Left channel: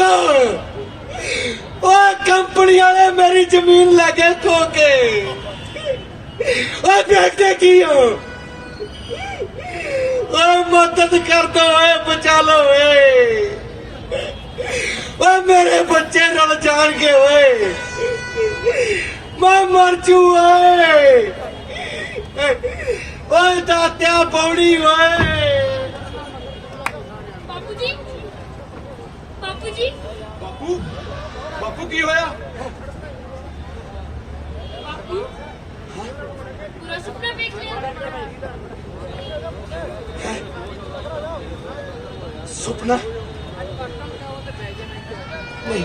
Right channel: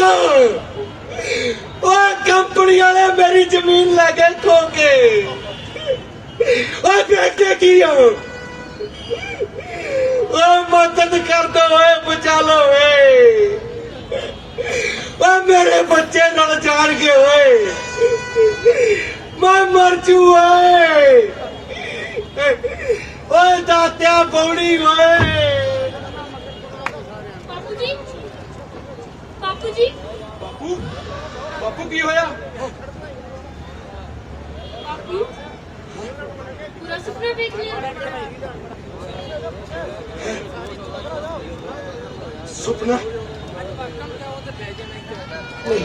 कौन? वो कंपनी वाले मेरी जमीन लगे खो के देखते की हो। मदद कर दो, बचा लो। मेरे बच्चे नाल जान के मैं मर जू। दात्या पौड़ी बापू जी, बापू जी, बापू बापू की होया? बापू पूरा सपना देख लिया? सुपना नहीं,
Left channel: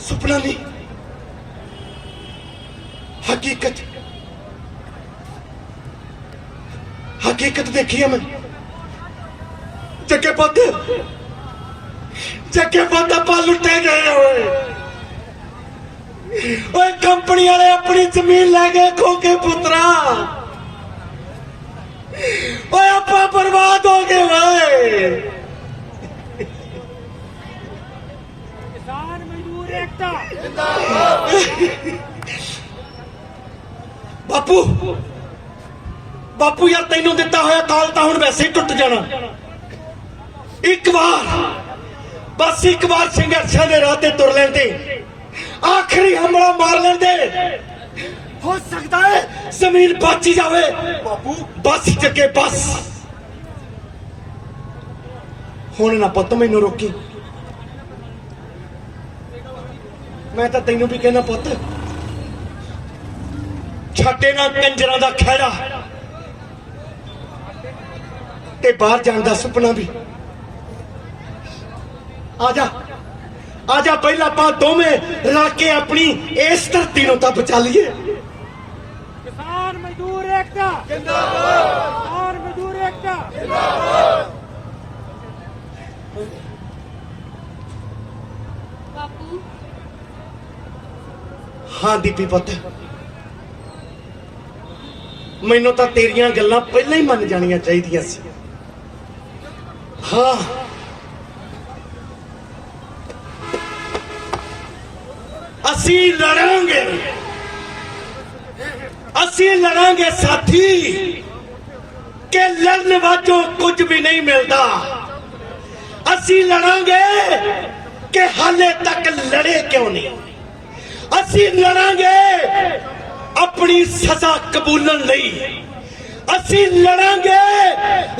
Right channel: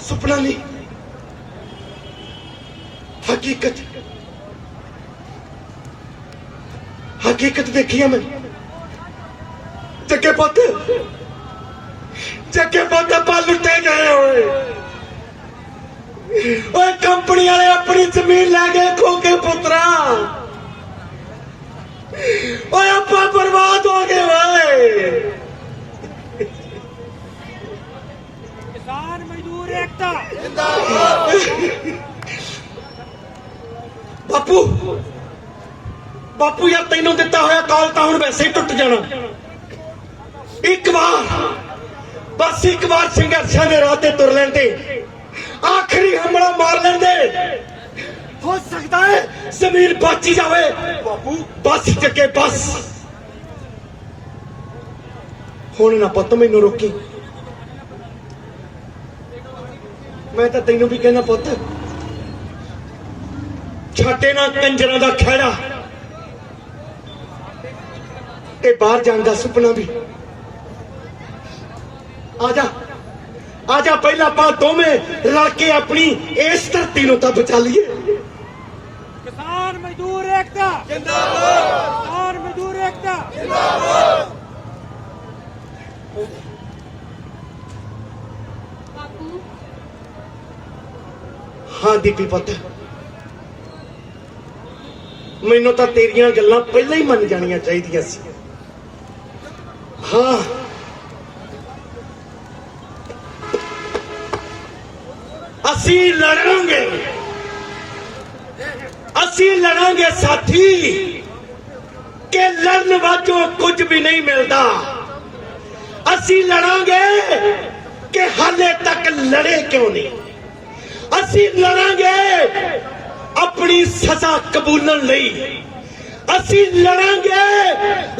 सुपना नहीं, हकीकत हकीकत देखी है मैंने। जगे पुत पा लुटे गए हुए। कंपनी वाले अपनी जमीन लै गए खो के पुत्रा। आपा बर्बाद हो गए हुए। किसान मजदूर एकता। बापू बापू यार तेनों दिता होया काल तो हुण वैसे ही टुट जाना। एक बार बस एक बार संघर्ष के राह ते तुर लें दे, आखिरी हमला मार लें दे, हो सकता है जमीन बची जावे। बापू बस जगे बस हुण ना पुत्त मैनू रोकी। मैं तो तेनू भी कहना पुत्त छाटे ना कंजरा दा खैड़ा ते बाहर जाने का सुपना भी। आजा आजा पहला आप दोवें रल के अपनी इस धरती नूं तां बचा लीए। किसान मजदूर एकता जिंदाबाद। किसान मजदूर एकता जिंदाबाद। बापू हाँ दीपी पुत्त, मैनू तो तेरियां गल्लां पहले ही मन जानियां चाहिदियां सी। हाँ असी लड़ांगे साथी के लड़ने वालों कुछ भी नहीं मिलता। असी लड़ांगे कि हाले तक लड़े क्यों नहीं। असी लड़ांगे अपनी सजा कबूलन नहीं। असी लड़ांगे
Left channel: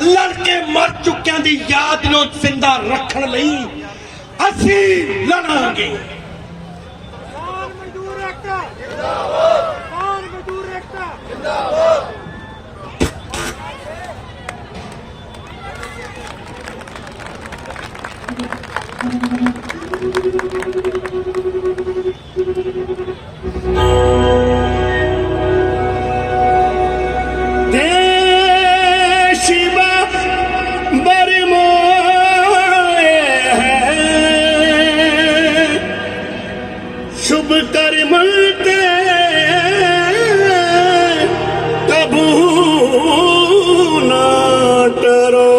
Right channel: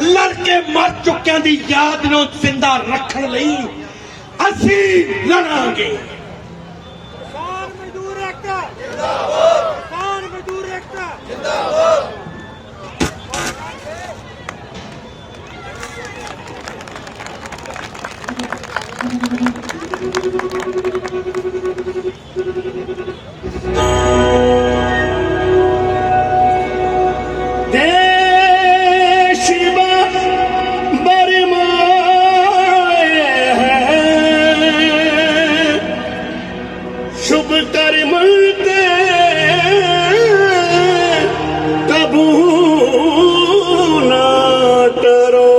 लड़के मर चुकियां दी याद नूं जिंदा रखण लई। असी लड़ांगे। किसान मजदूर एकता जिंदाबाद। किसान मजदूर एकता जिंदाबाद। शुभ कर्म ते कबू न डरो।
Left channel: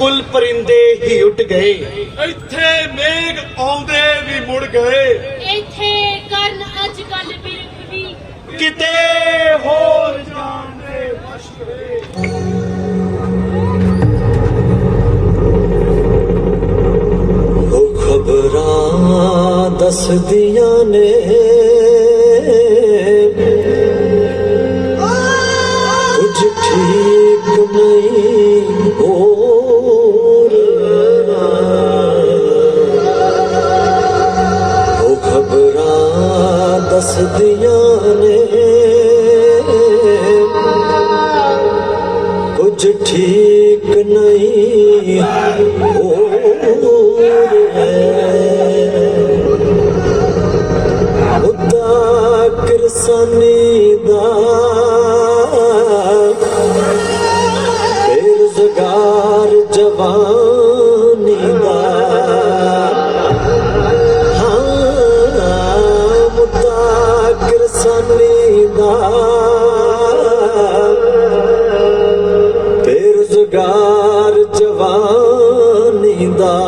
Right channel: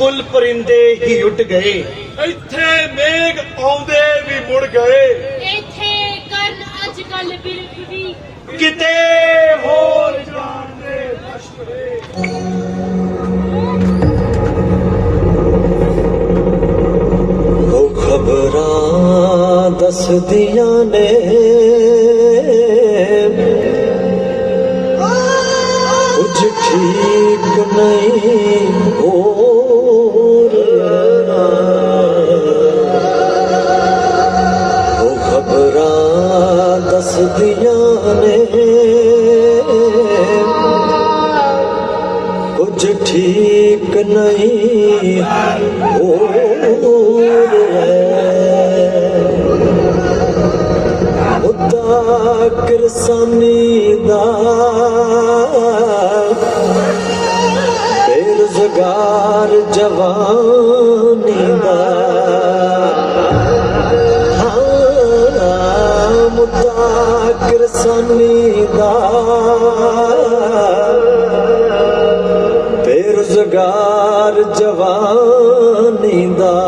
ਕੁੱਲ ਪਰਿੰਦੇ ਹੀ ਉੱਡ ਗਏ। ਇੱਥੇ ਮੇਘ ਆਉਂਦੇ ਵੀ ਮੁੜ ਗਏ। ਇੱਥੇ ਕਰਨ ਅੱਜ ਕੱਲ ਬਿਰਖ ਵੀ ਕਿਤੇ ਹੋਰ ਜਾਣਦੇ ਮਸ਼ਹੂਰ ਉਹ ਖਬਰਾਂ ਦੱਸਦੀਆਂ ਨੇ ਕੁਝ ਠੀਕ ਨਹੀਂ ਹੋ ਰਿਹਾ। ਉਹ ਖਬਰਾਂ ਦੱਸਦੀਆਂ ਨੇ ਕੁਝ ਠੀਕ ਨਹੀਂ ਹੋ ਮੁੱਦਾ ਕਿਰਸਾਨੀ ਦਾ ਬੇਰੁਜ਼ਗਾਰ ਜਵਾਨੀ ਦਾ ਮੁੱਦਾ ਕਿਰਸਾਨੀ ਦਾ ਬੇਰੁਜ਼ਗਾਰ ਜਵਾਨੀ ਦਾ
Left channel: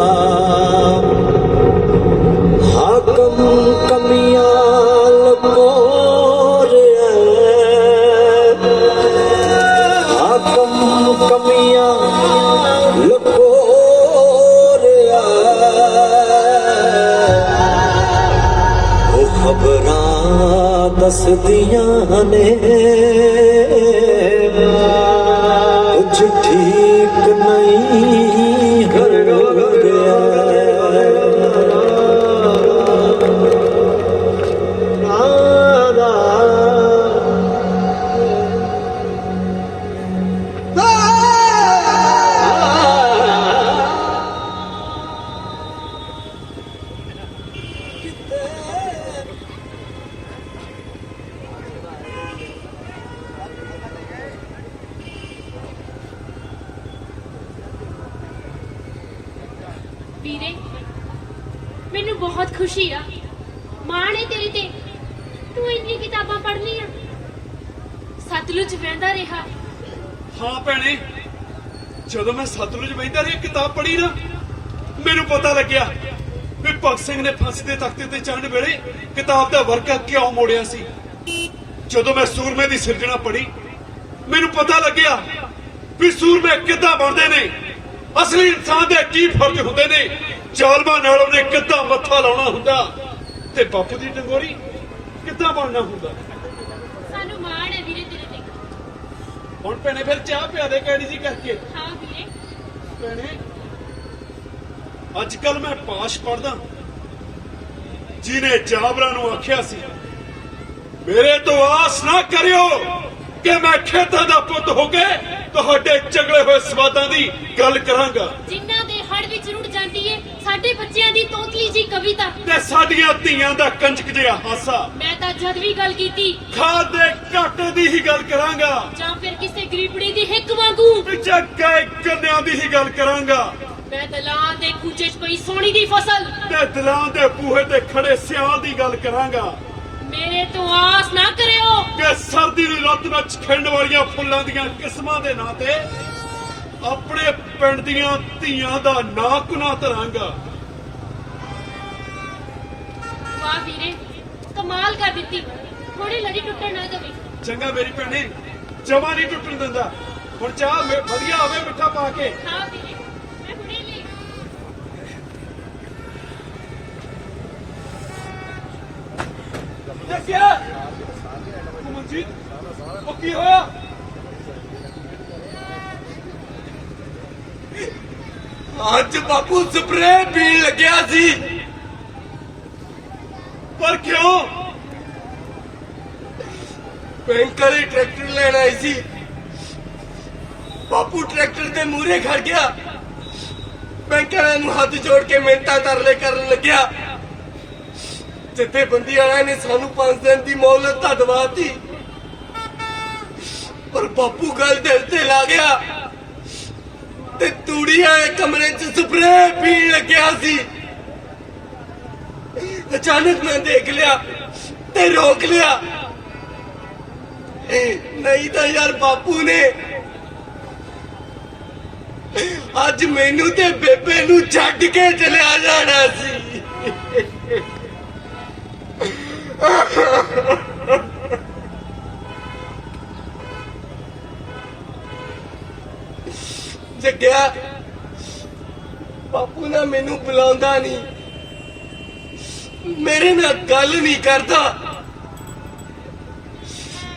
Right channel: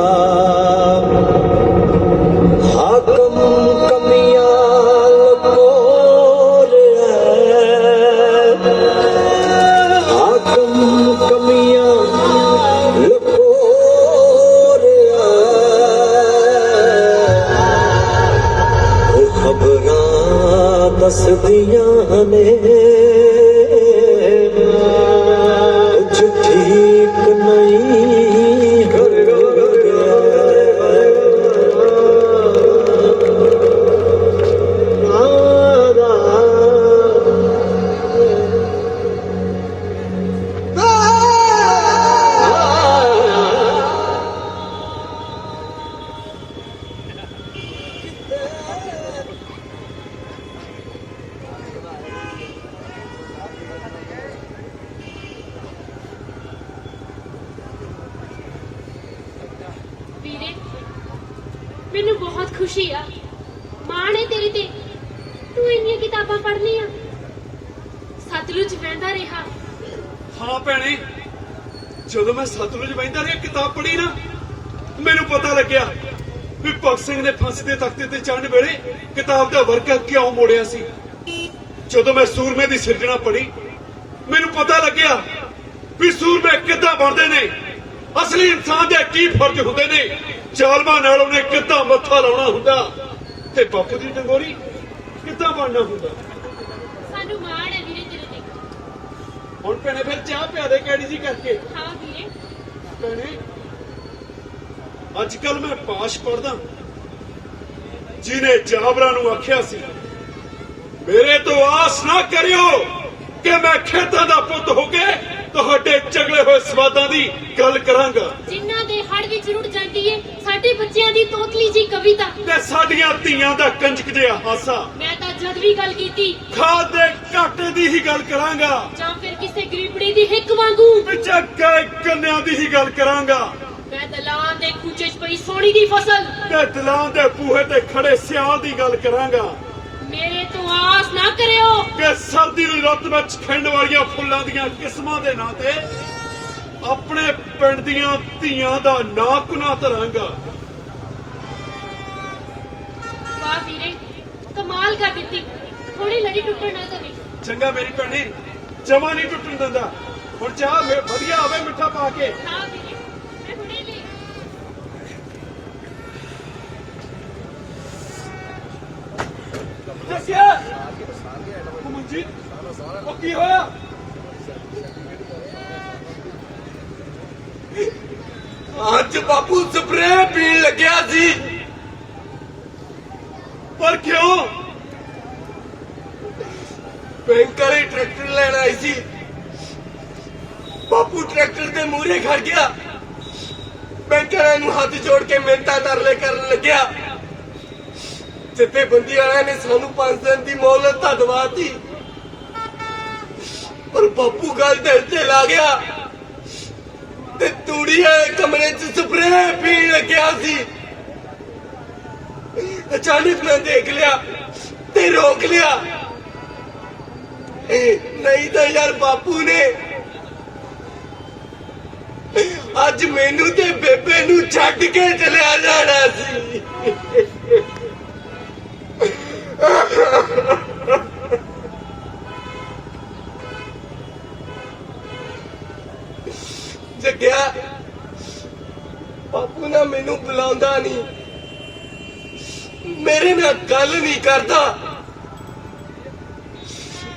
ਹਾਕਮ ਕਮੀਆਂ ਲਕੋ ਰਿਹਾ ਹਾਕਮ ਕਮੀਆਂ ਲਕੋ ਰਿਹਾ ਉਹ ਖਬਰਾਂ ਦੱਸਦੀਆਂ ਨੇ ਕੁਝ ਠੀਕ ਨਹੀਂ ਹੋ ਰਿਹਾ। ਵੀਰੇ ਮੈਨੂੰ ਬਹੁਤ ਖੁਸ਼ੀ ਆ ਮਾਣ ਹੈ ਤੇਰੇ ਤੇ ਤੂੰ ਇੰਨੀਆਂ ਕਿਤਾਬਾਂ ਪੜ੍ਹਨੀਆਂ ਸਤਲੁਜ ਵਹਿੰਦਾ ਰਿਹਾ। ਹਾਂ ਭੈਣੇ, ਜਦੋਂ ਮੈਂ ਸਤਲੁਜ ਵਹਿੰਦਾ ਰਿਹਾ ਕਿਤਾਬ ਪੜ੍ਹੀ ਨਾ ਮੈਨੂੰ ਪਤਾ ਲੱਗਿਆ ਵੀ ਭਗਤ ਸਿੰਘ ਨੇ ਫਾਂਸੀ ਦੇ ਤਖਤੇ ਤੇ ਚੜ੍ਹਨ ਵੇਲੇ ਕਿਤਾਬ ਦਾ ਵਰਕਾ ਕਿਉਂ ਮੋੜਿਆ ਸੀ। ਜਦੋਂ ਮੈਂ ਸੂਰਮੇ ਦੀ ਸਿਰਜਣਾ ਪੜ੍ਹੀ ਮੈਨੂੰ ਪਤਾ ਲੱਗਿਆ ਵੀ ਸੂਰਮੇ ਕਿੱਦਾਂ ਬਣਦੇ ਨੇ, ਅਸਲੀ ਇਨਸਾਨ ਦੇ ਕੀ ਫਰਜ਼ ਹੁੰਦੇ ਨੇ, ਜ਼ਾਲਮਾਂ ਨਾਲ ਉਹਨੇ ਕਿੱਦਾਂ ਮੱਥਾ ਲਾਉਣਾ ਹੁੰਦਾ ਤੇ ਬੱਕ ਦੀ ਡੰਗੋਰੀ ਕਿੱਦਾਂ ਬਣਨਾ ਹੁੰਦਾ। ਸਾਨੂੰ ਮਾਣ ਹੈ ਵੀਰੇ ਤੇਰੇ ਤੇ। ਹੁਣ ਭੈਣੇ ਫਿਰ ਚਾਹ ਪਿਆ ਦੇ ਕੈੜੀ ਜੀ ਕਰਕੇ। ਹਾਂ ਵੀਰੇ ਭੈਣੇ ਅੱਜ ਕੱਲ ਮੈਂ ਪਾਸ਼ ਪੜਦਾ ਜਿਹਨੇ ਜਾਬਰਾਂ ਨੂੰ ਆਖਿਆ ਸੀ ਮੇਰੇ ਤੋਂ ਆਸ ਨਾ ਕਰਿਓ ਕਿ ਮੈਂ ਖੇਤਾਂ ਦਾ ਪੁੱਤ ਹੋ ਕੇ ਤੁਹਾਡੇ ਚਗਲੇ ਹੋਏ ਸਵਾਦਾਂ ਦੀ ਗੱਲ ਕਰਾਂਗਾ। ਜਿਨ੍ਹਾਂ ਦੇ ਹੜ ਵਿੱਚ ਰੁੜ ਜਾਂਦੀ ਏ ਸਾਡੇ ਬੱਚਿਆਂ ਦੀ ਤੋਤਲੀ ਜੀ ਕਵਿਤਾ ਤੇ ਸਾਡੀਆਂ ਧੀਆਂ ਦਾ ਕੰਜਕ ਜਿਹਾ ਹਾਸਾ। ਮੈਂ ਤਾਂ ਜਦ ਵੀ ਗੱਲ ਕੀਤੀ ਖਾਦ ਦੇ ਘਾਟੇ ਦੀ ਹੀ ਗੱਲ ਕਰਾਂਗਾ ਜਾਂ ਫਿਰ ਕਿਸੇ ਗਰੀਬੜੀ ਦੀ ਹਿੱਕ ਵਾਂਗੂ ਵਿੱਚ ਗਏ ਕੰਨਿਆਂ ਦੀ ਹੀ ਗੱਲ ਕਰਾਂਗਾ। ਮੈਂ ਦਲਾਂ ਦੇ ਖੂਚੇ 'ਚ ਪਈ ਸੋਹਣੀ ਦੀ ਫਸਲ ਤੇ ਦਿਲਾਂ ਦੇ ਬੂਹੇ ਤੇ ਖੜੇ ਸਿਆਲ ਦੀ ਗੱਲ ਕਰਾਂਗਾ। ਮੇਰੇ ਤੋਂ ਆਸ ਨਾ ਕਰਿਓ ਕਿ ਸਰਦੀ ਦੀ ਰੁੱਤ ਵਿੱਚ ਖਿੰਡ ਵਾਲੀਆਂ ਫੁੱਲਾਂ ਦੀਆਂ ਕਿਸਮਾਂ ਦੇ ਨਾਂ ਤੇ ਆਪਣੇ ਪਿੰਡ ਦੀਆਂ ਧੀਆਂ ਦਾ ਨਾਂ ਕੁਨਾ ਧਰਾਂਗਾ। ਵਾਹ ਵੀਰੇ ਕਮਾਲ ਕਰ ਦਿੱਤੀ ਥੋੜੀ ਲੜੀ ਟੁੱਟਣ ਨਾ ਦੇਵੀਂ। ਚੰਗਾ ਮੇਰੀ ਭੈਣੇ ਜਮਾ ਨਹੀਂ ਟੁੱਟਣ ਦਿੰਦਾ। ਹੁਣ ਚਾਹ ਵਧੀਆ ਹੋਵੇ ਮਿੱਠਾ ਪਾ ਕੇ। ਹਾਂ ਵੀਰੇ ਮੈਂ ਹੁਣੇ ਲਈ ਜੱਗਿਆ ਮਨਜੀਤ ਉਹ ਕੀ ਹੋਇਆ? ਅੱਜ ਬਾਪੂ ਸਪਰੇਅ ਪੀਣ ਲੱਗਿਆ ਸੀ। ਪਰ ਕਿਉਂ? ਬੈਂਕ ਵਾਲੇ ਟਰੈਕਟਰ ਲੈਣ ਆਈ ਸੀ। ਬਾਪੂ ਟਰੈਕਟਰ ਦੇ ਮੂਹਰੇ ਖੜ ਗਿਆ। ਬੈਂਕ ਵਾਲਿਆਂ ਨੂੰ ਹੱਥ ਜੋੜ ਕੇ ਮਿੰਟਾਂ ਤਰਲੇ ਕਰਨ ਲੱਗਿਆ। ਜਥੇਬੰਦੀ ਵਾਲਿਆਂ ਨੇ ਸਾਨੂੰ 5 ਦਿਨ ਦੀ ਮੌਲਤ ਤਾਂ ਦਵਾਤੀ, ਪਰ ਬਾਪੂ ਗੱਲ ਦਿਲ ਤੇ ਲਾ ਗਿਆ ਤੇ ਤੂੜੀ ਵਾਲੇ ਕਮਰੇ 'ਚ ਸਪਰੇਅ ਪੀਣ ਲੱਗਿਆ ਸੀ। ਅਚਾਨਕ ਮੈਂ ਦੇਖ ਲਿਆ ਤੇ ਰੋਕ ਲਿਆ। ਨਹੀਂ ਤਾਂ ਯਾਰ ਬਾਪੂ ਨੇ ਅੱਜ ਮੈਨੂੰ ਤੇ ਬੇਬੇ ਨੂੰ ਛੱਡ ਕੇ ਚਲਿਆ ਜਾਣਾ ਸੀ। ਜੱਗਿਆ ਬਾਪੂ ਨਾ ਮੈਨੂੰ ਬੁਲਾਉਂਦਾ ਨਹੀਂ, ਮੇਰੀ ਨਾਲ ਗੱਲ ਨਹੀਂ ਕਰਦਾ।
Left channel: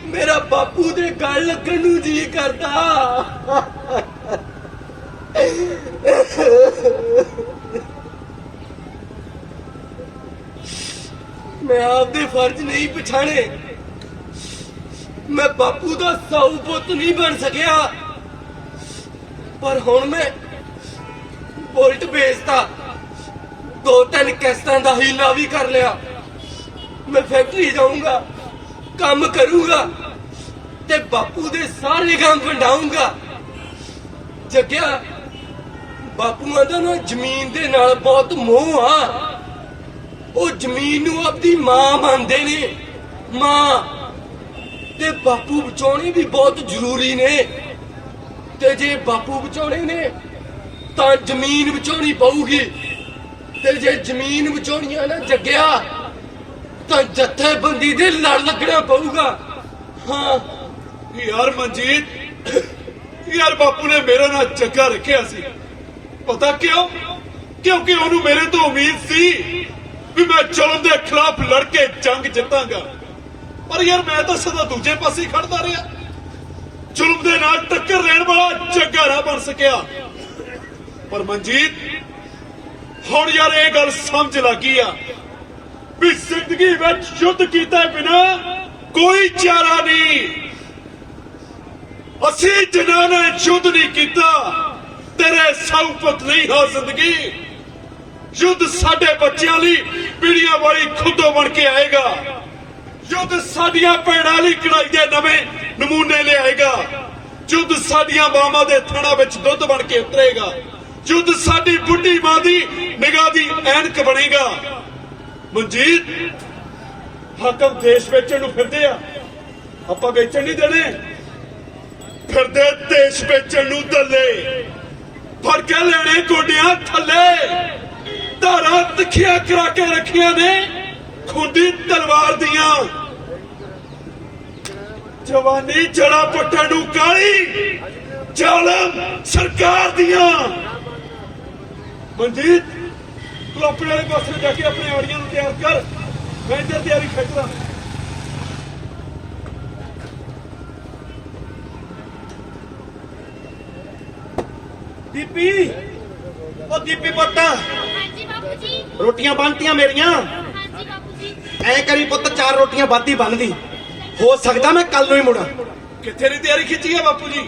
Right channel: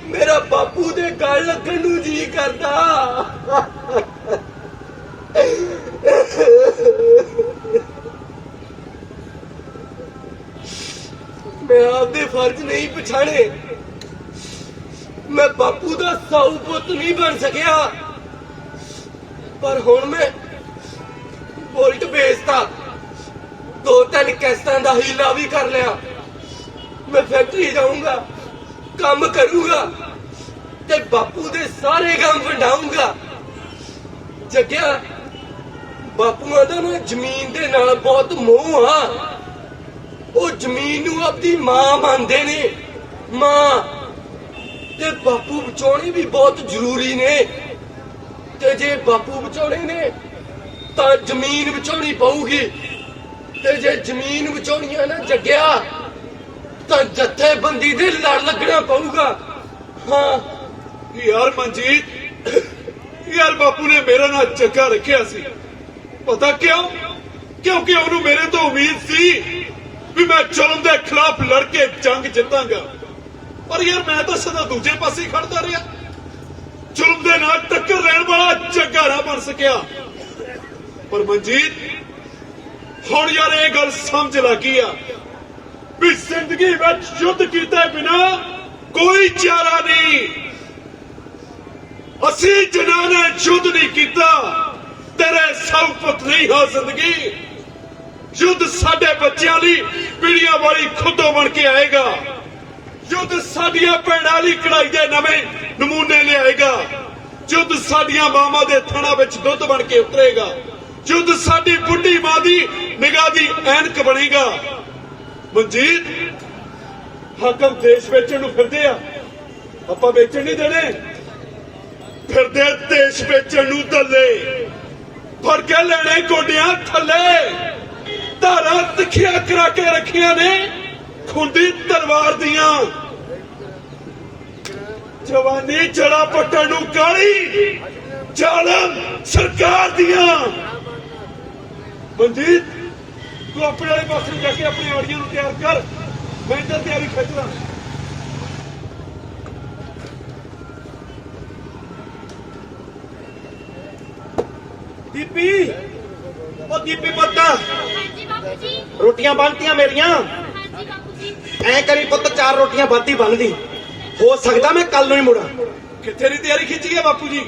ਮੇਰਾ ਬਾਪੂ ਦੇ ਗੱਲ ਲੱਗਣ ਨੂੰ ਜੀ ਕਰਦਾ। ਮੈਂ ਆਪਦੇ ਫਰਜ਼ ਨਹੀਂ ਪਛਾਣੇ, ਮੈਂ ਬਾਪੂ ਦਾ ਸਾਊ ਪੁੱਤ ਨਹੀਂ ਬਣ ਸਕਿਆ, ਪਰ ਹੁਣ ਮੈਂ ਬੋਲਟ ਵੇਚਤਾ, 2-3 ਕਿਸ਼ਤਾਂ ਦਾ ਹੀਲਾ ਵੀ ਕਰ ਲਿਆ। ਮੈਂ ਫੈਕਟਰੀ ਜਾਊਂਗਾ, ਕੰਮ ਕਰੂੰਗਾ ਤੇ ਬਾਪੂ ਦੇ ਸਾਰੇ ਕੰਮ ਵੰਡਾਊਂਗਾ। ਜੱਗਿਆ ਬਾਪੂਆਂ ਦਾ ਨਾ ਜ਼ਮੀਨ ਦੇ ਨਾਲ ਬਹੁਤ ਮੋਹ ਆ, ਉਹ ਜ਼ਮੀਨ ਨੂੰ ਆਪਣੀ ਮਾਂ ਮੰਨਦੇ ਨੇ, ਮਾਂ। ਤੇ ਬਾਪੂ ਬਚਾਉਣੇ ਵੀ ਬਹੁਤ ਜ਼ਰੂਰੀ ਨੇ, ਤੇ ਜੇ ਬਾਪੂ ਬਚਾਉਣੇ ਨੇ ਤਾਂ ਜ਼ਮੀਨ ਬਚਾਉਣੀ ਪਊਗੀ, ਤੇ ਜੇ ਜ਼ਮੀਨ ਬਚਾਉਣੀ ਹੈ ਨਾ ਜੱਗਿਆ ਤਾਂ ਜਥੇਬੰਦੀ ਦੇ ਲੜ ਲੱਗਣਾ ਪਊਗਾ। ਹਾਂ ਯਾਰ ਮਨਜੀਤ, ਯਾਰ ਬਾਪੂ ਨੇ ਮੇਰਾ ਨਾਂ ਜੱਗਾ ਰੱਖਿਆ ਸੀ, ਪਤਾ ਕਿਉਂ? ਕਿਉਂਕਿ ਉਹਨੂੰ ਮੇਰੇ ਤੋਂ ਉਮੀਦ ਸੀ ਵੀ ਮੈਂ ਜ਼ੁਲਮ ਦੇ ਖਿਲਾਫ ਲੜ ਕੇ ਜੰਗ ਜਿੱਤਾਂਗਾ। ਪਰ ਯਾਰ ਮੈਂ ਤਾਂ ਸਦਾ ਦੂਜੇ ਪਾਸੇ ਖੜਦਾ ਰਿਹਾ, ਜ਼ੁਲਮ ਦੇ ਨਾਲ ਟੱਕਰ ਲੈਣ ਵਾਲਾ ਜੱਗਾ ਨਾ ਬਣ ਸਕਿਆ। ਪਰ ਮਨਜੀਤ ਹੁਣ ਯਾਰ ਇਹ ਗੱਲ ਸਮਝ ਲੱਗੀ ਆ ਵੀ ਜ਼ਿੰਦਗੀ ਵਿੱਚ ਯੁੱਧ ਕੀਤਾ ਬਿਨਾ ਕੋਈ ਚਾਰਾ ਨਹੀਂ। ਅਸੀਂ ਜਿਨ੍ਹਾਂ ਨੇ ਯੁੱਧ ਨਹੀਂ ਕੀਤਾ ਤੇਰੇ ਸਭ ਪੁੱਤ ਨਹੀਂ ਹੋ ਜ਼ਿੰਦਗੀ। ਯੁੱਧ ਸਾਡੇ ਬੱਚਿਆਂ ਲਈ ਪੀੜੀਆਂ ਵਾਲੀ ਖੁੱਦੋ ਬਣ ਕੇ ਆਏਗਾ। ਯੁੱਧ ਸਾਡੀਆਂ ਭੈਣਾਂ ਲਈ ਕਢਾਈ ਦੇ ਨਵੇਂ ਨਮੂਨੇ ਲਿਆਏਗਾ। ਯੁੱਧ ਸਾਡੀਆਂ ਮਾਵਾਂ ਦੇ ਥਣਾਂ ਵਿੱਚ ਦੁੱਧ ਬਣ ਕੇ ਉਤਰੇਗਾ। ਯੁੱਧ ਸਾਡੀ ਬੁੱਢੀ ਮਾਂ ਦੀ ਨਿਗਾਹ ਦੀ ਐਨਕ ਬਣੇਗਾ। ਮਨਜੀਤ ਹਾਕਮ ਦੇਸ਼ ਵੇਚਣ ਨੂੰ ਫਿਰਦੇ ਆ, ਆਪਾਂ ਵੇਚਣ ਨਹੀਂ ਦੇਣੇ। ਫਿਰਦੇ ਦੇਸ਼ ਵੇਚਣ ਨੂੰ ਦੱਲੇ, ਫੜ ਕੇ ਲੈਣੇ ਗੋਡਿਆਂ ਥੱਲੇ। ਧਾਰਾਂ ਤਿੱਖੀਆਂ ਕਰਾ ਕੇ ਰੱਖੀਆਂ ਨੇ ਖੁੰਡੀ ਤਲਵਾਰ ਦੀਆਂ। ਜਵਾਨੀ ਜੜਾ ਪੱਟਣ ਨੂੰ ਕਾਲੀ ਜ਼ਾਲਮ ਸਰਕਾਰ ਦੀਆਂ। ਮਨਜੀਤ ਤੂੰ ਆਪਣੇ ਵਾਲੇ ਪਾਸੇ ਜਾ ਕੇ ਆਪਣੀ ਆੜੀਆਂ ਨੂੰ ਤਿਆਰ ਕਰ, ਮੈਂ ਇੱਧਰ ਤਿਆਰੀ ਖਿੱਚਦਾ। ਦੀਪੀ, ਉਹ ਦੀਪੀ ਪੁੱਤ, ਹਾਂਜੀ ਬਾਪੂ ਜੀ। ਰੋਟੀਆਂ ਬਣਤੀਆਂ ਮੇਰੀਆਂ। ਹਾਂਜੀ ਬਾਪੂ ਜੀ। ਐ ਕਰੀ ਪੁੱਤ, 4 ਰੋਟੀਆਂ ਵੱਧ ਹੀ ਬਣਦੀ, ਹੋ ਸਕਦਾ ਮੈਂ ਕੱਲ ਨੂੰ ਹੀ ਮੁੜਾਂ। ਕਿੱਥੇ ਦੀ ਤਿਆਰੀ ਖਿੱਚੀ ਹੈ ਬਾਪੂ ਜੀ?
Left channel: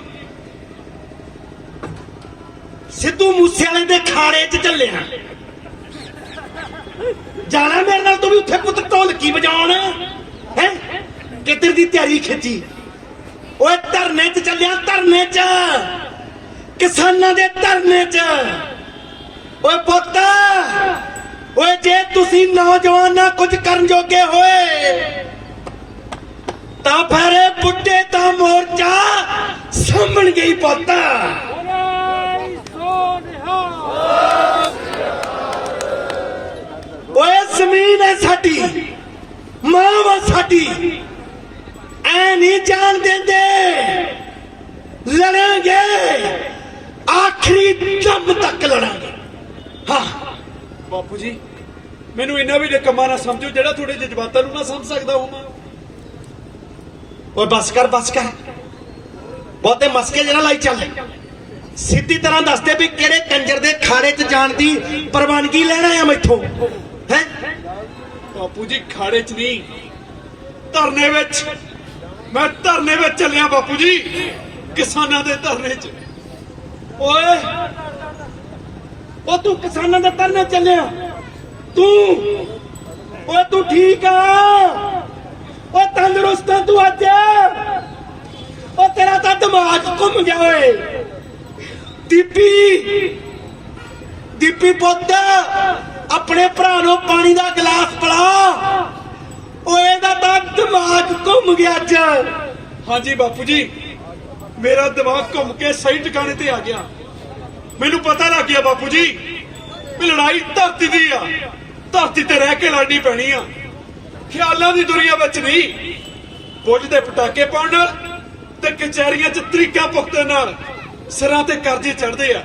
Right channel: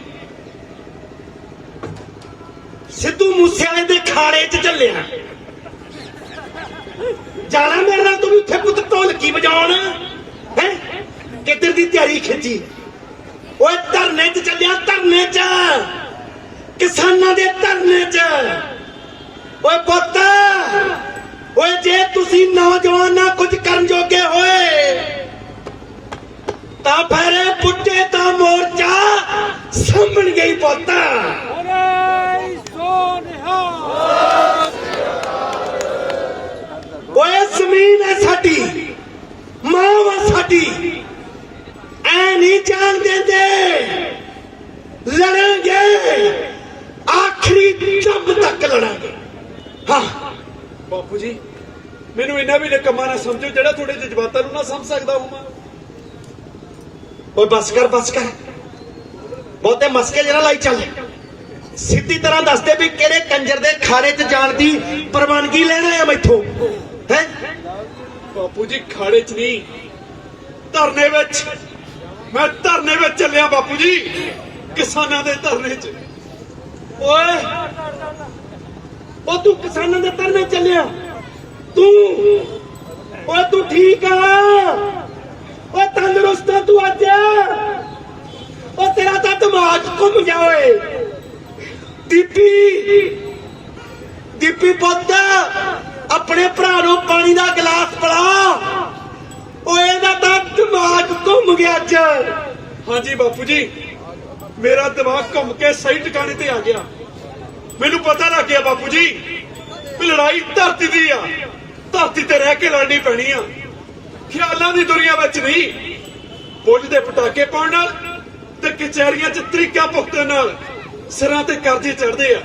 ਸਿੱਧੂ ਮੂਸੇਵਾਲੇ ਦੇ ਖਾੜੇ 'ਚ ਚੱਲਿਆ ਜਾਣਾ ਮੇਰੇ ਨਾਲ। ਤੂੰ ਵੀ ਉੱਥੇ ਪੁੱਤ ਢੋਲਕੀ ਵਜਾਉਣ ਹੈ। ਕਿੱਧਰ ਦੀ ਤਿਆਰੀ ਖਿੱਚੀ? ਓਏ ਧਰਨੇ 'ਚ ਚੱਲਿਆ, ਧਰਨੇ 'ਚ, ਕਿਸਾਨਾਂ ਦੇ ਧਰਨੇ 'ਚ। ਓਏ ਪੁੱਤ, ਓਏ ਜੇ ਤੁਸੀਂ ਨੌਜਵਾਨਾਂ ਕੁਝ ਕਰਨ ਜੋਗੇ ਹੋਏ ਤਾਂ ਫਿਰ ਇਹ ਬੁੱਢੇ ਤਾਂ ਮੋਰਚਾ ਸਾਂਭਣ ਗਈ ਪੁੱਤ। ਓਏ ਜ਼ਮੀਨ ਹੈ ਸਾਡੀ, ਮਾਂ ਵਾ ਸਾਡੀ, ਐ ਨਹੀਂ ਜਾਣ ਦਿੰਦੇ, ਲੜਾਂਗੇ ਆਖਰੀ ਦਮ ਤੱਕ ਲੜਾਂਗੇ। ਹਾਂ ਬਾਪੂ ਜੀ ਮੈਨੂੰ ਇੰਨਾ ਵੀ ਨਿਕੰਮਾ ਨਾ ਸਮਝੋ ਜਿਹੜਾ ਤੁਹਾਡੇ ਜਜ਼ਬਾਤਾਂ ਨੂੰ ਨਾ ਸਮਝ ਸਕਦਾ ਹਾਂ। ਓਏ ਬਸ ਕਰ, ਬਸ ਕਰ, ਬਹੁਤੇ ਮਸਕੇ ਜਰਾ ਲਾਈ ਚੱਲ। ਸਿੱਧੀ ਤਰ੍ਹਾਂ ਦੱਸਦੇ ਵੀ ਕਿਹੜੇ ਕੰਜਰ ਦੇ ਖਾੜੇ 'ਚ ਜਾਣ ਦੀ ਪ੍ਰਵਾਨਗੀ ਲੈਣਾ ਆ ਮੈਥੋਂ ਹੈ। ਬਾਪੂ ਜੀ ਖਾੜੇ 'ਚ ਨਹੀਂ, ਧਰਨੇ ਵਿੱਚ। ਮੈਂ ਧਰਨੇ ਵਿੱਚ ਚੱਲਿਆ ਬਾਪੂ ਜੀ, ਕਿਸਾਨਾਂ ਦੇ ਧਰਨੇ 'ਚ। ਓਏ ਉਹ ਤੂੰ ਕਿਸਾਨਾਂ ਦੇ ਧਰਨੇ ਚੱਲਿਆ? ਓਏ ਤੂੰ ਠੀਕ ਆ? ਓ ਤੰਦਰੁਸਤ ਆ ਤੂੰ ਅੱਜ? ਓ ਤੇਰਾ ਤਾਂ ਦਿਮਾਗ ਘੁੰਮ ਗਿਆ ਓਏ। ਦੀਪੀ ਪੁੱਤ, ਆਪਣੇ ਭਰਾ ਨੂੰ ਪਾਣੀ ਦਾ ਗਲਾਸ ਪਿਲਾ। ਓਏ ਇਹਦਾ ਤਾਂ ਦਿਮਾਗ ਘੁੰਮ ਗਿਆ ਅੱਜ। ਹਾਂਜੀ ਬਾਪੂ ਜੀ, ਮੇਰਾ ਦਿਮਾਗ ਘੁੰਮ ਕੇ ਸਹੀ ਟਿਕਾਣੇ ਤੇ ਆ ਗਿਆ। ਮੈਨੂੰ ਪਤਾ ਲੱਗ ਗਿਆ ਬਾਪੂ ਜੀ ਵੀ ਲੜਾਈ ਧਰਤੀ ਦੀ ਆ, ਧਰਤੀ ਤੇ ਰਹਿ ਕੇ ਲੜਨੀ ਪੈਣੀ ਆ, ਖਿਆਲਾਂ ਦੀ ਦੁਨੀਆ ਵਿੱਚ ਨਹੀਂ। ਕੁਝ ਦੇ ਪਟਾਕੇ ਪਾਉਣ ਨਾਲ ਤੇ ਕਚਹਿਰੀਆਂ 'ਚ ਤਰੀਕਾ ਪੁਖਤਣ ਨਾਲ ਸਿਰਾਂ ਤੇ ਕਰਜ਼ੇ ਚੜਦੇ ਆ,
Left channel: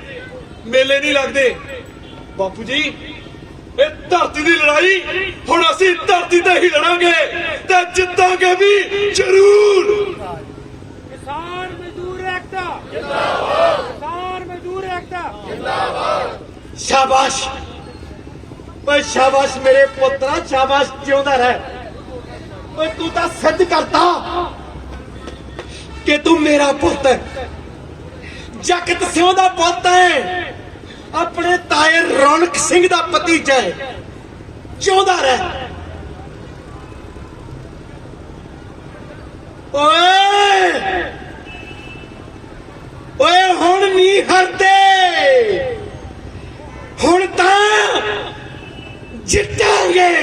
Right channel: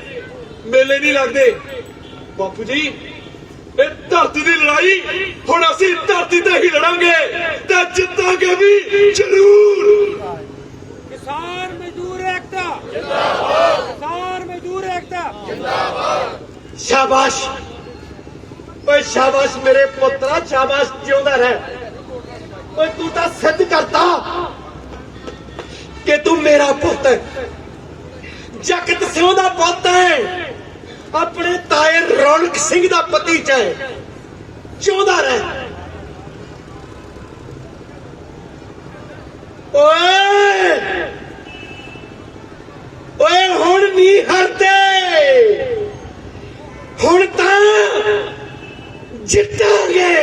ਮੇਲੇ ਨਹੀਂ ਲੱਗਦੇ। ਬਾਪੂ ਜੀ ਇਹ ਧਰਤੀ ਦੀ ਲੜਾਈ ਹੁਣ ਅਸੀਂ ਧਰਤੀ ਤੇ ਹੀ ਲੜਾਂਗੇ ਤੇ ਜਿੱਤਾਂਗੇ ਵੀ ਜ਼ਰੂਰ। किसान मजदूर एकता जिंदाबाद, किसान मजदूर एकता जिंदाबाद। शाबाश ਓਏ शाबाश मेरे पुत्रा, शाबाश, जिਉਂਦਾ ਰਹਿ। ਓਏ ਤੂੰ ਤਾਂ ਸਿੱਧ ਕਰਤਾ ਕਿ ਤੂੰ ਮੇਰਾ ਪੁੱਤ ਹੈ, ਜਗਤ ਸਿਉਂ ਦਾ ਪੁੱਤ ਹੈ, ਆਪਣੇ ਤਾਏ ਰੌਣਕ ਸਿੰਘ ਦਾ ਭਤੀਜਾ ਹੈ। ਜਿਉਂਦਾ ਰਹਿ। ਓਏ ਹੁਣ ਨਹੀਂ ਹਰਦੇ, ਹੁਣ ਤਾਂ ਜਿੱਤਾਂਗੇ।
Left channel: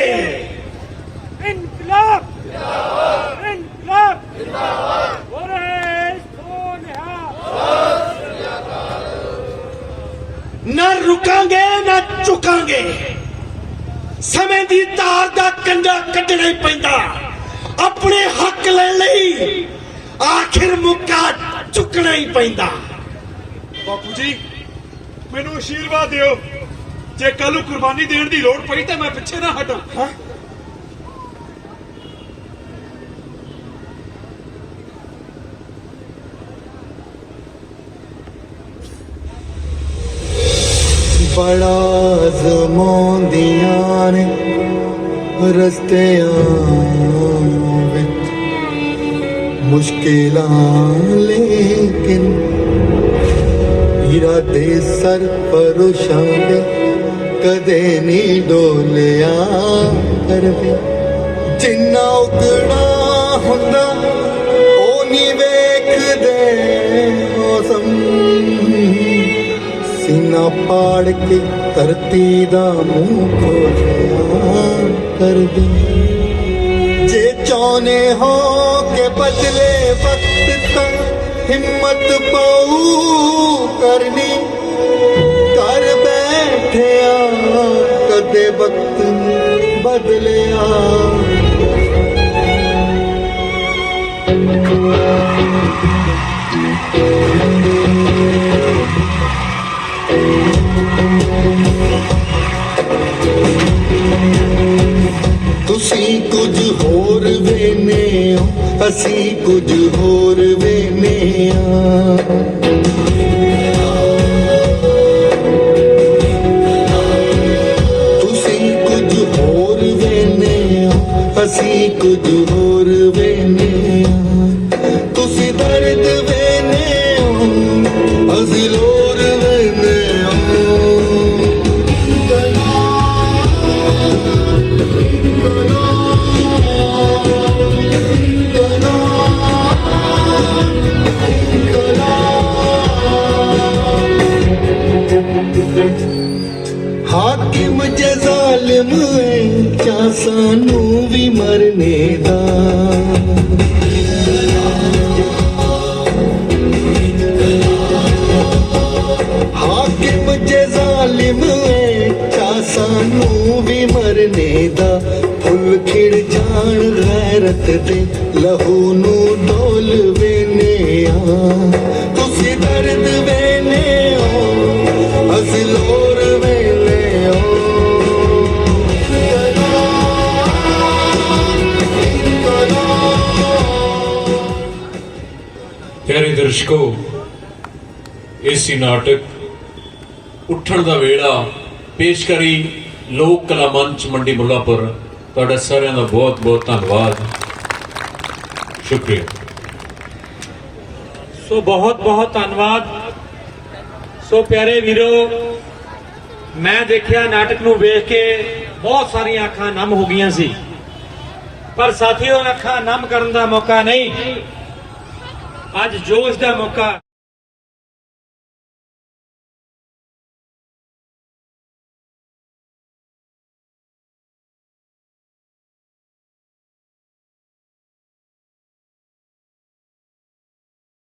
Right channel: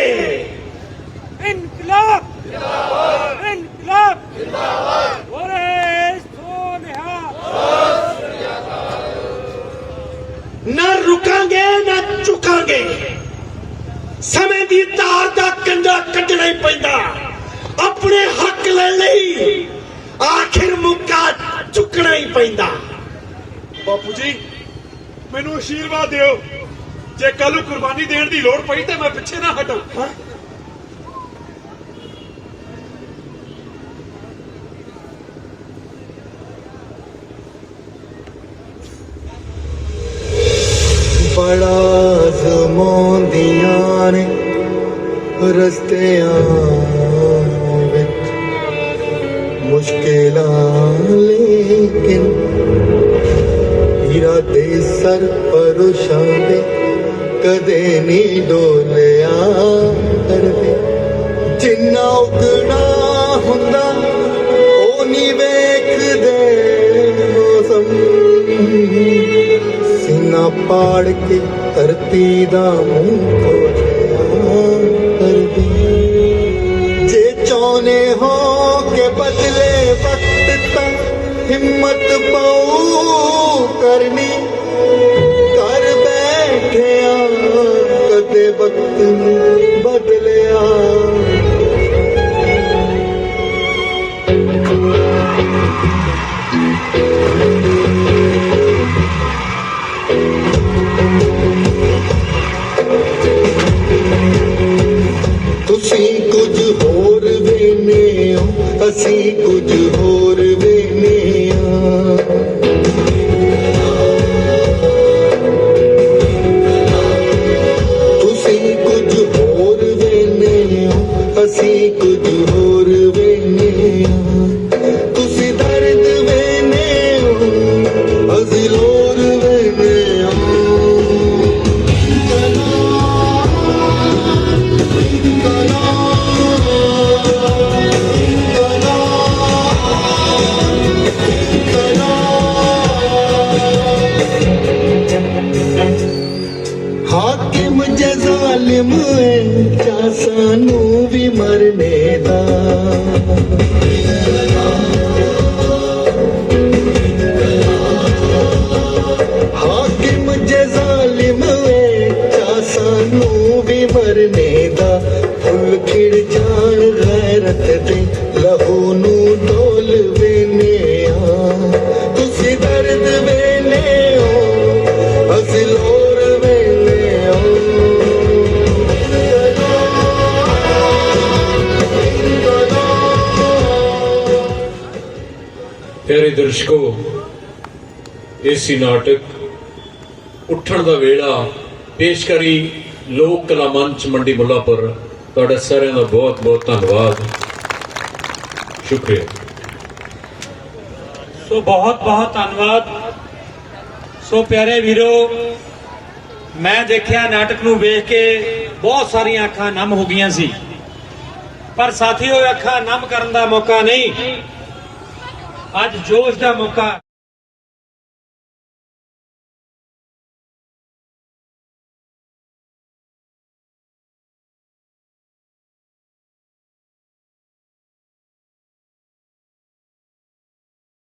इनकलाब जिंदाबाद, इनकलाब जिंदाबाद। ओरे सोनिया ਨਾ ਰੁਕਾਂਗੇ ਨਾ ਝੁਕਾਂਗੇ, ਸਮੇਂ ਦੀ ਧਾਰ ਦਾ ਕੰਡਾ ਕੱਢਣਾ ਹੀ ਪੈਂਦਾ। ਆਪਣੇ ਹੱਕ ਲੈਣ ਲਈ ਆਖਿਰ ਮੁੱਕਾ ਚੁੱਕਣਾ ਹੀ ਪੈਂਦਾ। ਬਾਪੂ ਜੀ ਮੈਨੂੰ ਆਸ਼ੀਰਵਾਦ ਦਿਓ, ਜੇ ਕੱਲ ਨੂੰ ਕੁਰਬਾਨੀ ਦੇਣ ਦੀ ਲੋੜ ਪਈ ਤਾਂ ਮੈਂ ਪਿੱਛੇ ਨਾ ਹਟਾਂ। ਹਾਂ ਬੜਾ ਜ਼ਮਾਂਦੀਆਂ ਨੇ ਰਸਤਿਆਂ ਵਿੱਚ ਮੁਸ਼ਕਿਲਾਂ, ਲੇਕਿਨ ਇਰਾਦੇ ਸਰ ਪਰੋਸ਼ਾਨੇ ਕਦੇ ਨਹੀਂ ਡੋਲਿਆ ਕਰਦੇ। ਜਿੰਨਾ ਉਗੜਾ ਹੁੰਦਾ ਉਹ ਨਹੀਂ ਵੇਖਦੇ ਮੌਸਮ, सीना पाड़ के धरती दा मुंह खोलिया कर दे। जे चाहने हो के बदले वक्त ता हिम्मत पाऊ करनी, कर बैठे कदे वक्त बदलिया। ਤੁਸੀਂ ਕੁਝ ਹੋਰ ਵੇਨੇ ਹੋ, ਅਸੀਂ ਕੁਝ ਹੋਰ ਵੇਨੇ ਆ। ਤੁਸੀਂ ਕੁਝ ਹੋਰ ਵੇਨੇ ਹੋ, ਅਸੀਂ ਕੁਝ ਹੋਰ ਵੇਨੇ ਆ। ਤੁਸੀਂ ਦਰਦ ਵੇਨੇ ਹੋ, ਅਸੀਂ ਲੋਰ ਵੇਨੇ ਆ। हाकिम जे जालिम क्या सानू भी मरने दा। हाकिम जे जालिम क्या सानू भी मरने दा। फुल खिड़ जान गैरत दे लहू नू डोल वेने आ। तुसी दर्द वेने हो, असी लोर वेने हो। प्यारे दर्शकों, इसी नाटक उठण दा वेला पेश करी लोक कला मंच मंडी मुल्लापुर। तुहाडा सारिਆਂ ਦਾ बहुत बहुत धन्यवाद, शुक्रिया। सो बहुत बहुत धन्यवाद। सो प्यारे वीरो, मैं देखिया नाटक नूं वेख के बहुत सारियां अखां नम हो गईयां सी, पर साथियों अखां नम करन दा मौका नहीं, अज जोश दा मौका।